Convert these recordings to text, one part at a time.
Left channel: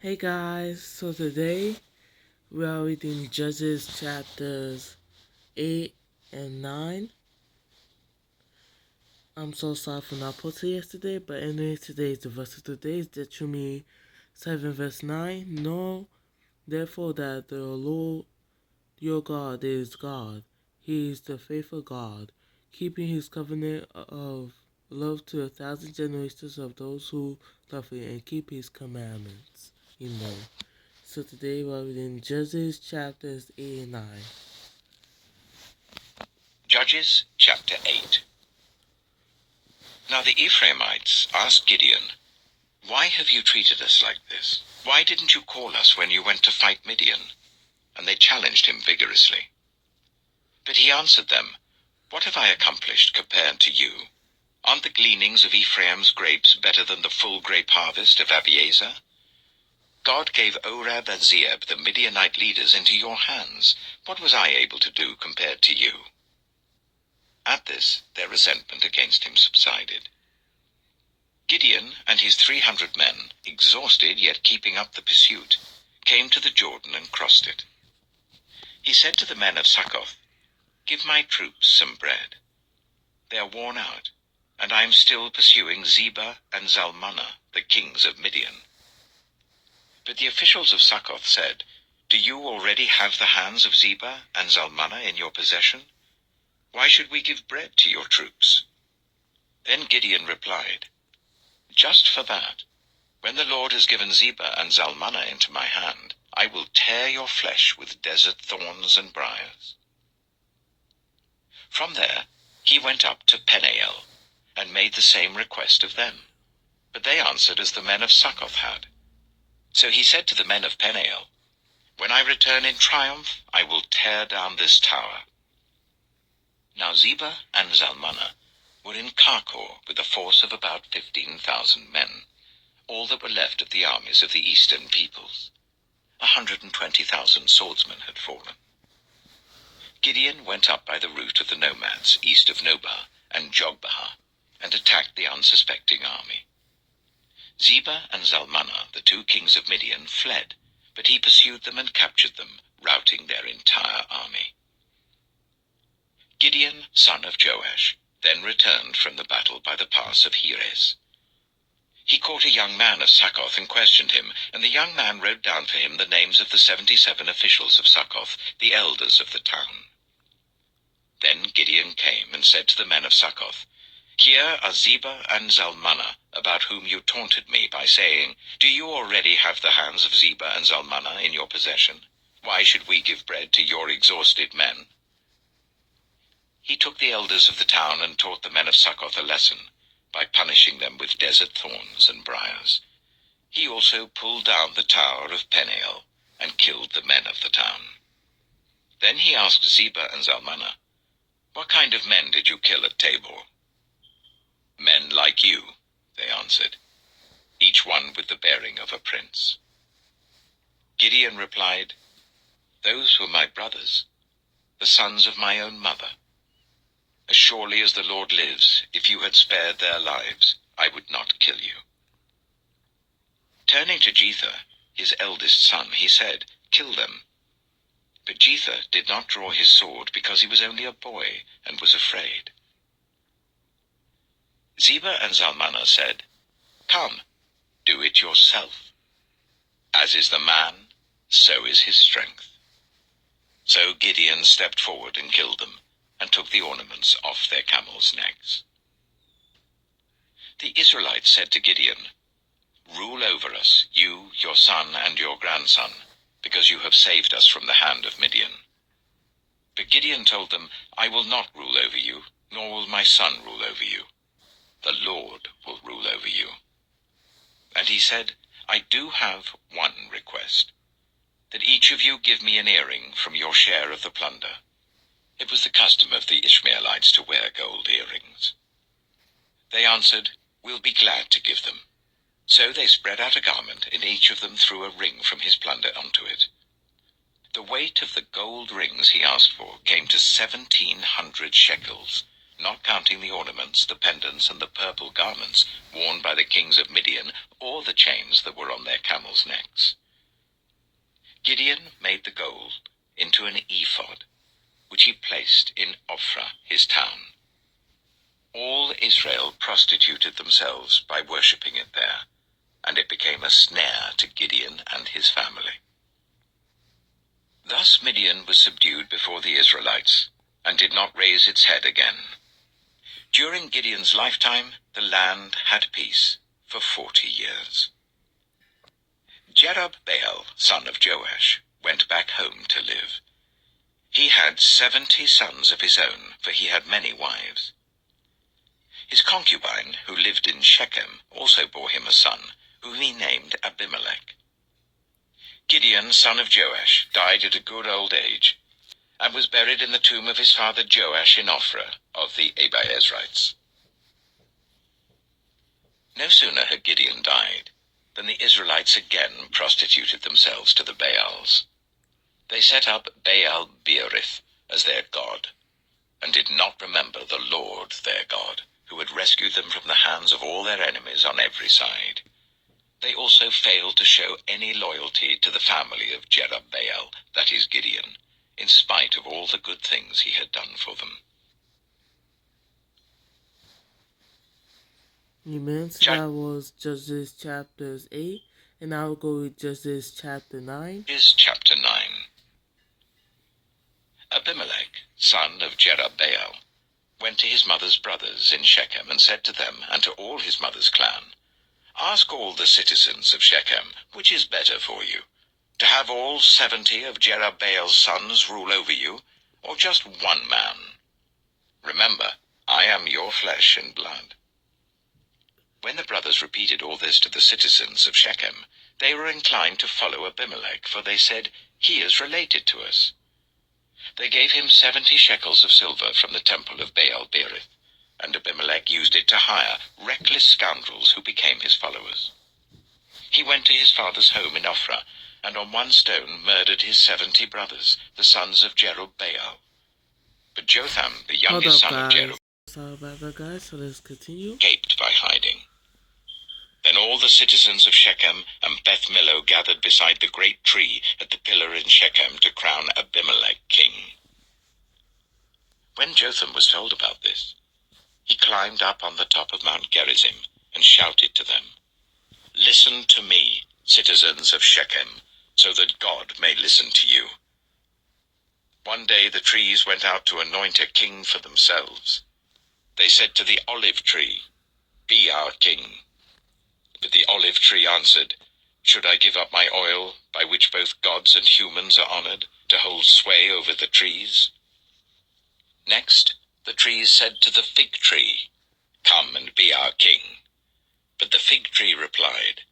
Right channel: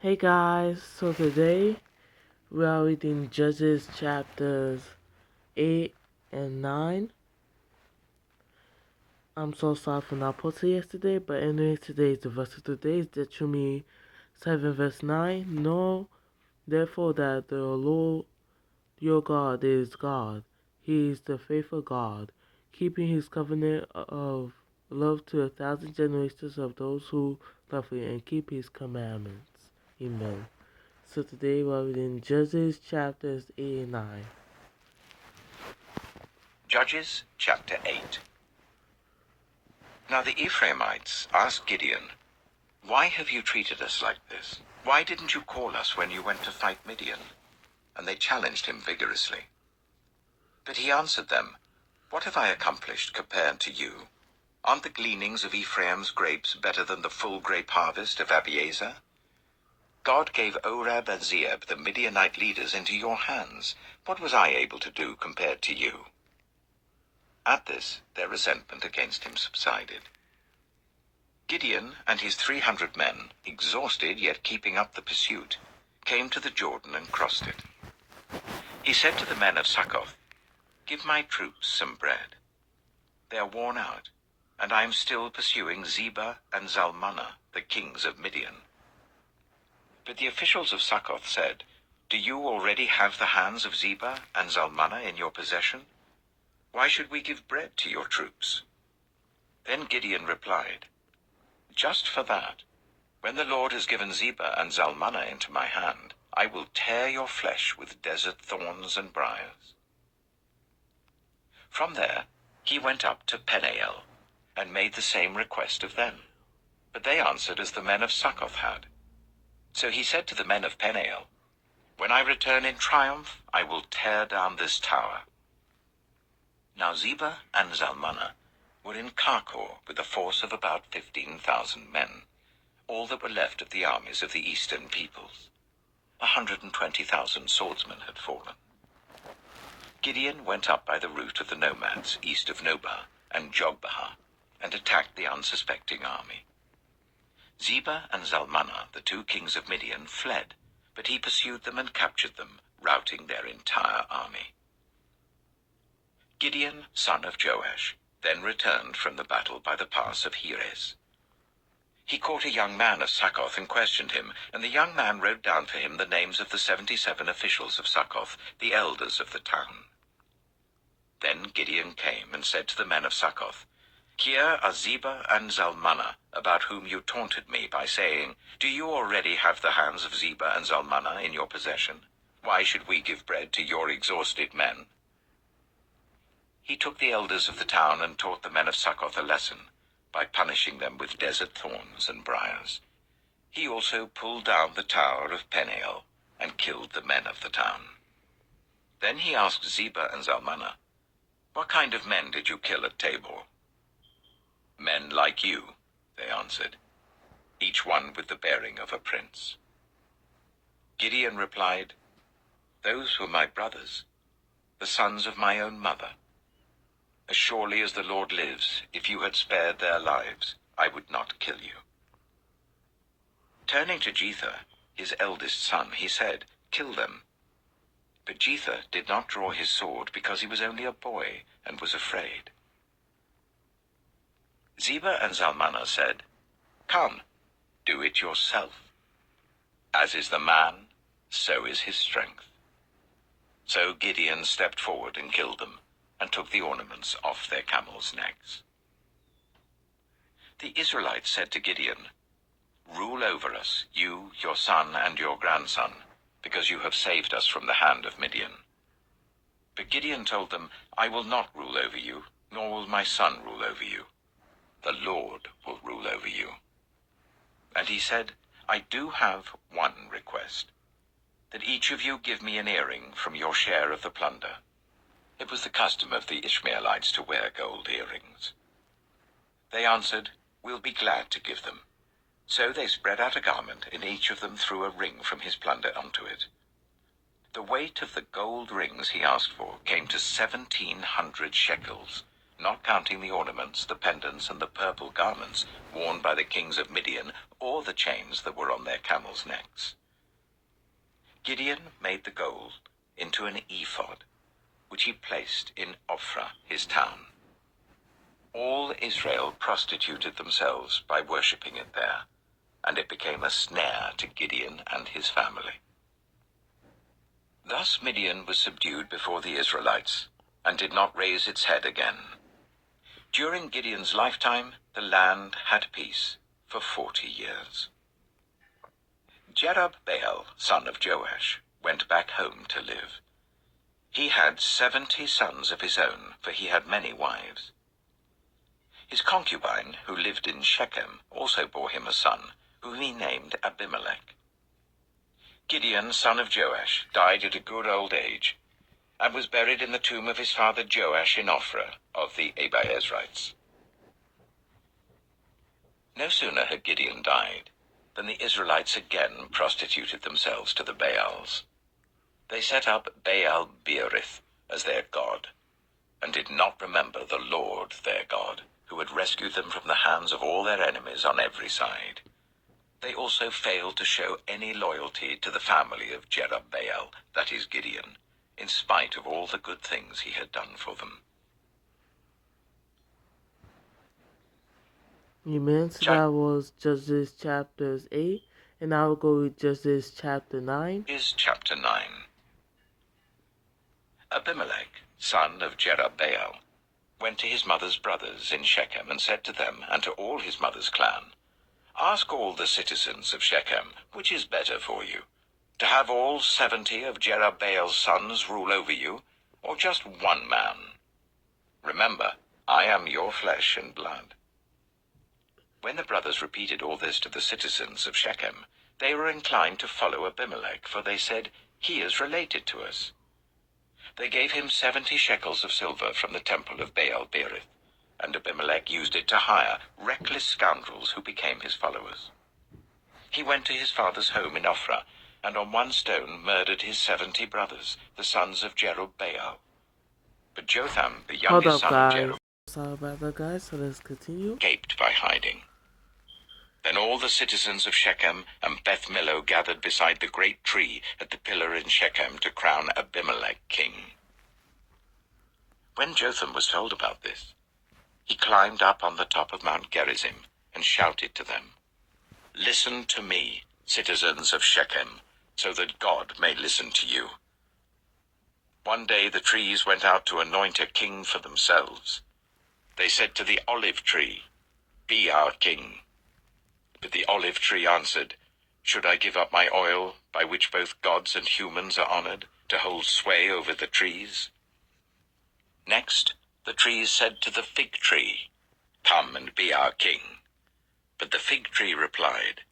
Hey guys, so today we are reading Judges chapters 8 and 9. I'm so sorry for not posting yesterday, but anyway, today is the verse of today is Deuteronomy 7 verse 9. Know therefore that the Lord your God is God. He is the faithful God, keeping his covenant of love to 1,000 generations of those who love him and keep his commandments. Amen. So today we're reading Judges chapters 8 and 9. Judges chapter 8. Now the Ephraimites asked Gideon, "Why have you treated us like this? Why didn't you call us when you went to fight Midian?" And they challenged him vigorously. But he answered them, "What have I accomplished compared to you? Aren't the gleanings of Ephraim's grapes better than the full grape harvest of Abiezer? God gave Oreb and Zeeb, the Midianite leaders, into your hands. What was I able to do compared to you?" At this, their resentment against him subsided. Gideon and his 300 men, exhausted yet keeping up the pursuit, came to the Jordan and crossed it. He said to the men of Succoth, "Give my troops some bread. They are worn out, and I am still pursuing Zebah and Zalmunna, the kings of Midian." But the officials of Succoth said, "Do you already have the hands of Zebah and Zalmunna in your possession? Why should we give bread to your troops?" Then Gideon replied, "Just for that, when the Lord has given Zebah and Zalmunna into my hand, I will tear your flesh with desert thorns and briars." From there he went up to Peniel, and made the same request of them. But they answered as the men of Succoth had. So he said to the men of Peniel, "When I return in triumph, I will tear down this tower." Now Zebah and Zalmunna were in Karkor with a force of about 15,000 men, all that were left of the armies of the eastern peoples. 120,000 swordsmen had fallen. Gideon went up by the route of the nomads east of Nobah and Jogbehah, and attacked the unsuspecting army. Zebah and Zalmunna, the two kings of Midian, fled, but he pursued them and captured them, routing their entire army. Gideon, son of Joash, then returned from the battle by the pass of Heres. He caught a young man of Succoth and questioned him, and the young man wrote down for him the names of the 77 officials of Succoth, the elders of the town. Then Gideon came and said to the men of Succoth, "Here are Zebah and Zalmunna, about whom you taunted me by saying, 'Do you already have the hands of Zebah and Zalmunna in your possession? Why should we give bread to your exhausted men?'" He took the elders of the town and taught the men of Succoth a lesson, by punishing them with desert thorns and briars. He also pulled down the tower of Peniel, and killed the men of the town. Then he asked Zebah and Zalmunna, "What kind of men did you kill at Tabor?" "Men like you," they answered, "each one with the bearing of a prince." Gideon replied, "Those were my brothers, the sons of my own mother. As surely as the Lord lives, if you had spared their lives, I would not kill you." Turning to Jether, his eldest son, he said, "Kill them." But Jether did not draw his sword because he was only a boy and was afraid. Zebah and Zalmunna said, "Come, do it yourself. As is the man, so is his strength." So Gideon stepped forward and killed them, and took the ornaments off their camels' necks. The Israelites said to Gideon, "Rule over us, you, your son, and your grandson, because you have saved us from the hand of Midian." But Gideon told them, "I will not rule over you, nor will my son rule over you. The Lord will rule over you." And he said, "I do have one request, that each of you give me an earring from your share of the plunder." It was the custom of the Ishmaelites to wear gold earrings. They answered, "We'll be glad to give them." So they spread out a garment, and each of them threw a ring from his plunder onto it. The weight of the gold rings he asked for came to 1,700 shekels, not counting the ornaments, the pendants, and the purple garments worn by the kings of Midian, or the chains that were on their camels' necks. Gideon made the gold into an ephod, which he placed in Ophrah, his town. All Israel prostituted themselves by worshipping it there, and it became a snare to Gideon and his family. Thus Midian was subdued before the Israelites, and did not raise its head again. During Gideon's lifetime, the land had peace for 40 years. Jerubbaal, son of Joash, went back home to live. He had 70 sons of his own, for he had many wives. His concubine, who lived in Shechem, also bore him a son, whom he named Abimelech. Gideon, son of Joash, died at a good old age, and was buried in the tomb of his father Joash in Ophrah of the Abiezrites. No sooner had Gideon died than the Israelites again prostituted themselves to the Baals. They set up Baal-Berith as their god, and did not remember the Lord their God, who had rescued them from the hands of all their enemies on every side. They also failed to show any loyalty to the family of Jerubbaal, that is Gideon, in spite of all the good things he had done for them. Amen. So that was Judges chapters 8, and now we'll go with Judges chapter 9. Is chapter 9. Abimelech, son of Jerubbaal, went to his mother's brothers in Shechem and said to them and to all his mother's clan, "Ask all the citizens of Shechem, which is better for you, to have all 70 of Jerubbaal's sons rule over you, or just one man? Remember, I am your flesh and blood." When the brothers repeated all this to the citizens of Shechem, they were inclined to follow Abimelech, for they said, "He is related to us." They gave him 70 shekels of silver from the temple of Baal-Berith, and Abimelech used it to hire reckless scoundrels who became his followers. He went to his father's home in Ophrah, and on one stone murdered his 70 brothers, the sons of Jerubbaal. But Jotham, the youngest son of Jerubbaal, Sorry about that, guys, so let's continue. escaped by hiding. Then all the citizens of Shechem and Beth Millo gathered beside the great tree at the pillar in Shechem to crown Abimelech king. When Jotham was told about this, he climbed up on the top of Mount Gerizim and shouted to them, "Listen to me, citizens of Shechem, so that God may listen to you." One day the trees went out to anoint a king for themselves. They said to the olive tree, "Be our king." But the olive tree answered, "Should I give up my oil, by which both gods and humans are honored, to hold sway over the trees?" Next, the trees said to the fig tree, "Come and be our king." But the fig tree replied,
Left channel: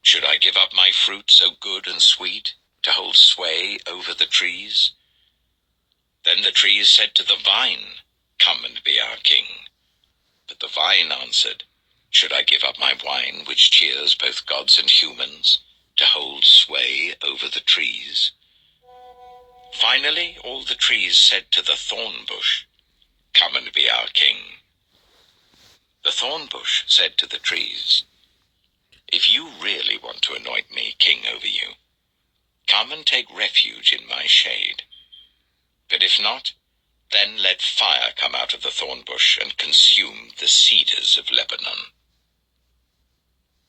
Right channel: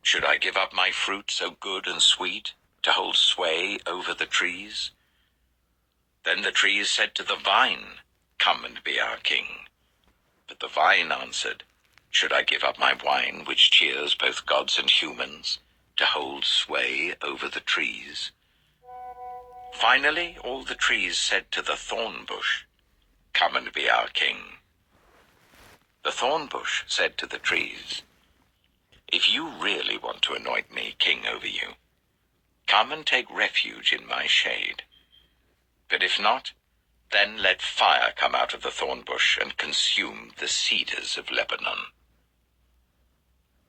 "Should I give up my fruit so good and sweet, to hold sway over the trees?" Then the trees said to the vine, "Come and be our king." But the vine answered, "Should I give up my wine, which cheers both gods and humans, to hold sway over the trees?" Finally, all the trees said to the thorn bush, "Come and be our king." The thorn bush said to the trees, "If you really want to anoint me king over you, come and take refuge in my shade. But if not, then let fire come out of the thorn bush and consume the cedars of Lebanon."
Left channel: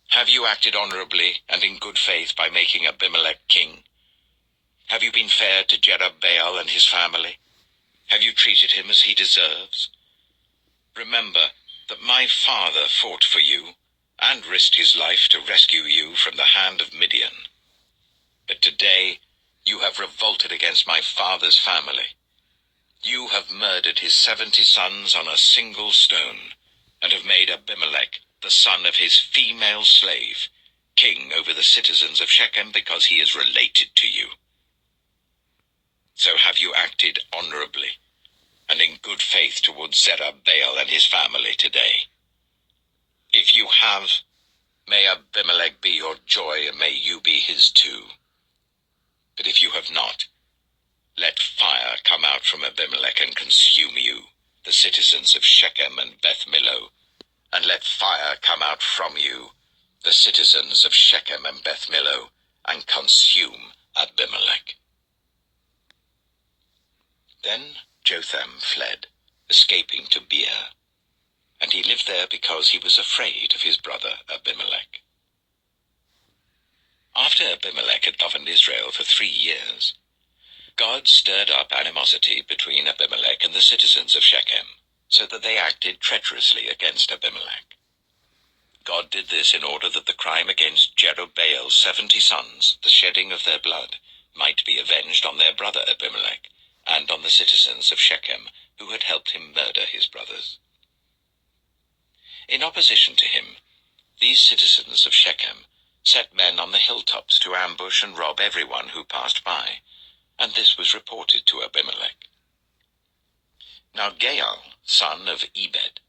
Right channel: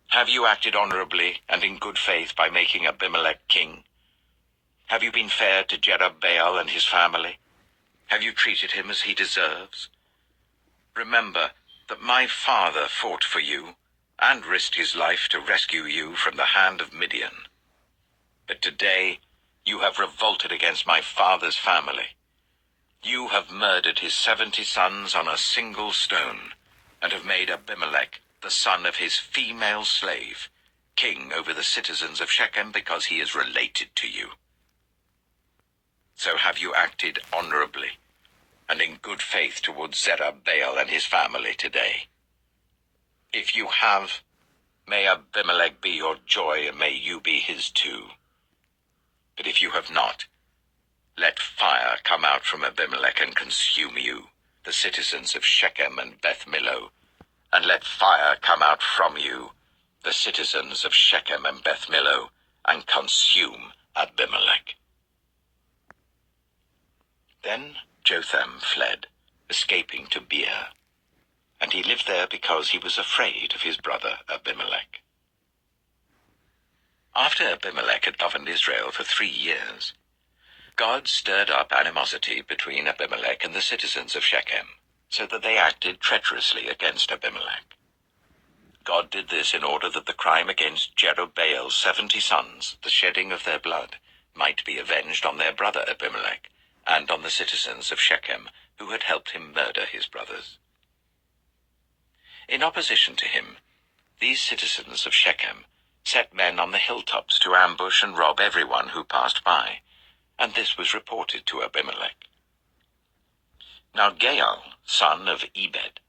Have you acted honorably and in good faith by making Abimelech king? Have you been fair to Jerubbaal and his family? Have you treated him as he deserves? Remember that my father fought for you and risked his life to rescue you from the hand of Midian. But today you have revolted against my father's family. You have murdered his 70 sons on a single stone, and have made Abimelech, the son of his female slave, king over the citizens of Shechem because he is related to you. So have you acted honorably and in good faith towards Jerubbaal and his family today? If you have, may Abimelech be your joy, and may you be his too. But if you have not, let fire come out from Abimelech and consume you, the citizens of Shechem and Beth Millo, and let fire come out from you, the citizens of Shechem and Beth Millo, and consume Abimelech." Then Jotham fled, escaping to Beer, and he lived there because he was afraid of his brother Abimelech. After Abimelech had governed Israel for 3 years, God stirred up animosity between Abimelech and the citizens of Shechem, so that they acted treacherously against Abimelech. God did this in order that the crime against Jerubbaal's 70 sons, the shedding of their blood, might be avenged on their brother Abimelech, and on the citizens of Shechem, who had helped him murder his brothers. In opposition to him, these citizens of Shechem set men on the hilltops to ambush and rob everyone who passed by, and this was reported to Abimelech. Now Gaal, son of Ebed,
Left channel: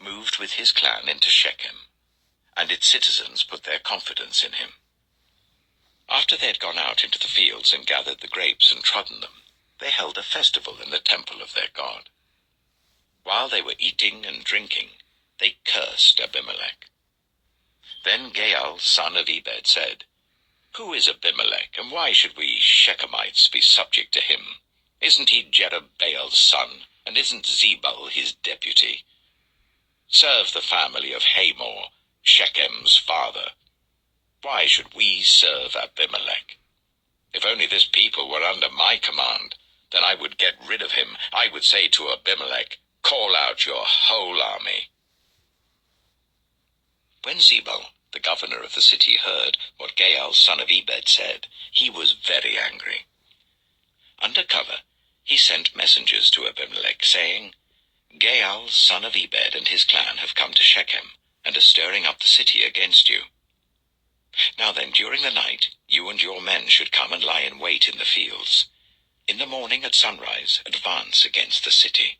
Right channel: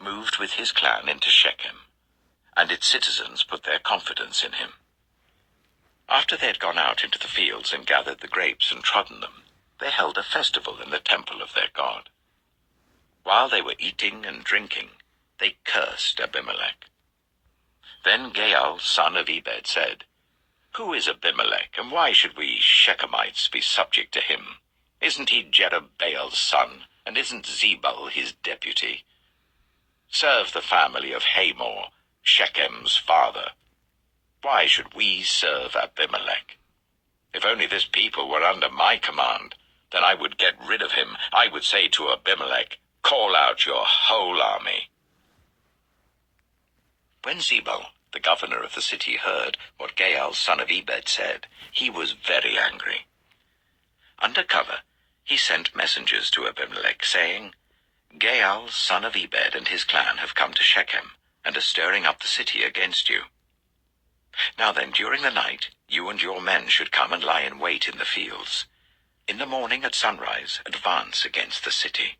moved with his clan into Shechem, and its citizens put their confidence in him. After they had gone out into the fields and gathered the grapes and trodden them, they held a festival in the temple of their god. While they were eating and drinking, they cursed Abimelech. Then Gaal, son of Ebed, said, "Who is Abimelech, and why should we Shechemites be subject to him? Isn't he Jerubbaal's son, and isn't Zebul his deputy? Serve the family of Hamor, Shechem's father. Why should we serve Abimelech? If only this people were under my command, then I would get rid of him. I would say to Abimelech, 'Call out your whole army.'" When Zebul, the governor of the city, heard what Gaal, son of Ebed, said, he was very angry. Under cover, he sent messengers to Abimelech, saying, "Gaal, son of Ebed, and his clan have come to Shechem, and are stirring up the city against you. Now then, during the night, you and your men should come and lie in wait in the fields. In the morning at sunrise, advance against the city.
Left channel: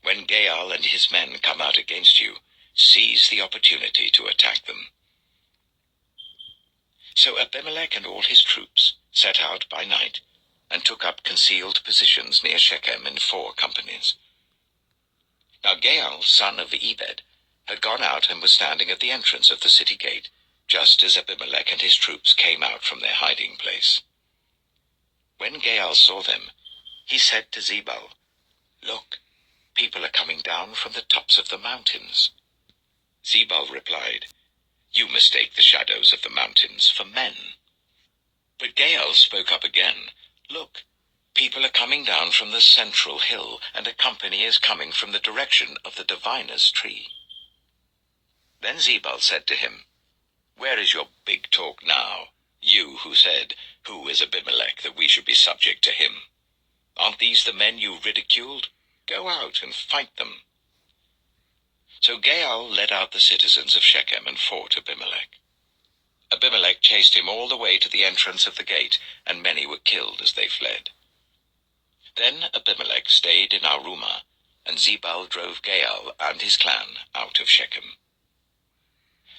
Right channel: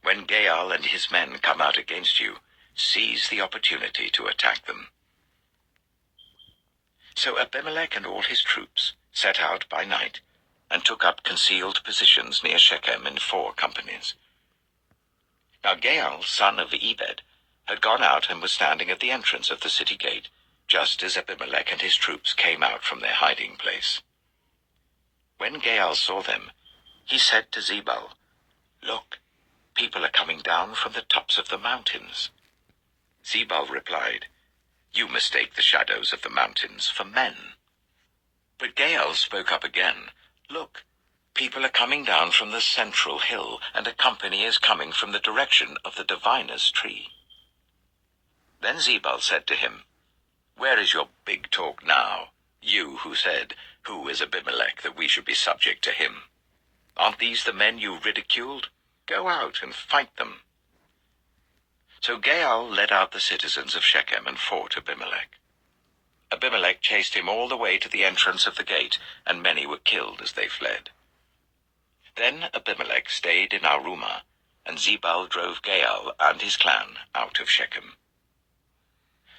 When Gaal and his men come out against you, seize the opportunity to attack them." So Abimelech and all his troops set out by night and took up concealed positions near Shechem in 4 companies. Now Gaal, son of Ebed, had gone out and was standing at the entrance of the city gate, just as Abimelech and his troops came out from their hiding place. When Gaal saw them, he said to Zebul, "Look, people are coming down from the tops of the mountains." Zebul replied, "You mistake the shadows of the mountains for men." But Gaal spoke up again, "Look, people are coming down from the central hill, and a company is coming from the direction of the diviner's tree." Then Zebul said to him, "Where is your big talk now, you who said, 'Who is Abimelech, that we should be subject to him?' Aren't these the men you ridiculed? Go out and fight them." So Gaal led out the citizens of Shechem and fought Abimelech. Abimelech chased him all the way to the entrance of the gate, and many were killed as they fled. Then Abimelech stayed in Arumah, and Zebul drove Gaal and his clan out of Shechem.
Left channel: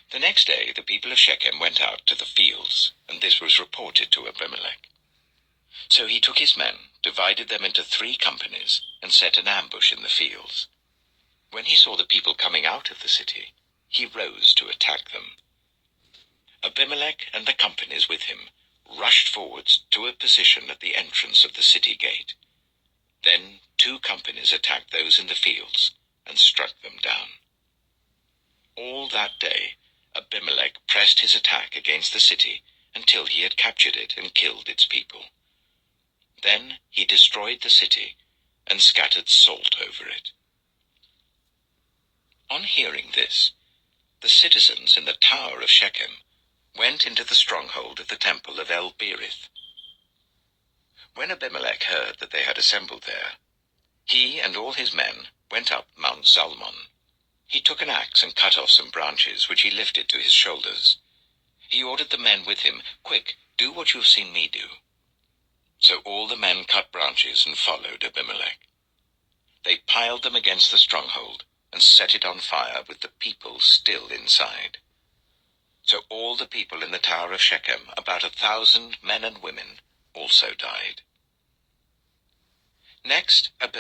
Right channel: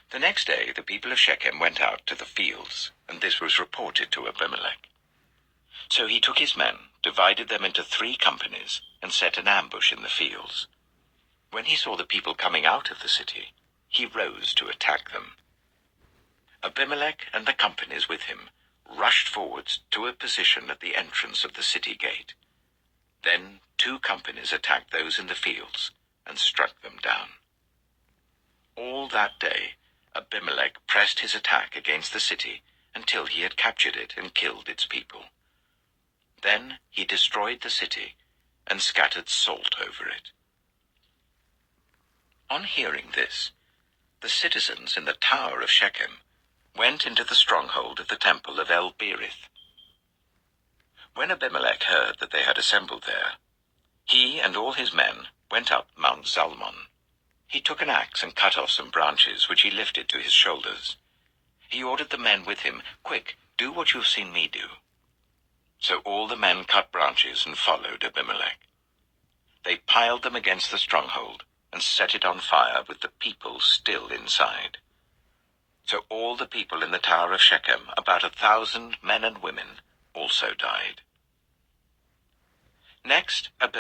The next day the people of Shechem went out to the fields, and this was reported to Abimelech. So he took his men, divided them into 3 companies, and set an ambush in the fields. When he saw the people coming out of the city, he rose to attack them. Abimelech and the companies with him rushed forwards to a position at the entrance of the city gate. Then 2 companies attacked those in the fields and struck them down. All that day, Abimelech pressed his attack against the city until he had captured it and killed its people. Then he destroyed the city and scattered salt over it. On hearing this, the citizens in the tower of Shechem went into the stronghold of the temple of El-Berith. When Abimelech heard that they had assembled there, he and all his men went up Mount Zalmon. He took an axe and cut off some branches, which he lifted to his shoulders. He ordered the men with him, "Quick, do what you have seen me do." So all the men cut branches and followed Abimelech. They piled them against the stronghold and set it on fire with the people still inside. So all the people in the tower of Shechem, about 1,000 men and women, also died. Next,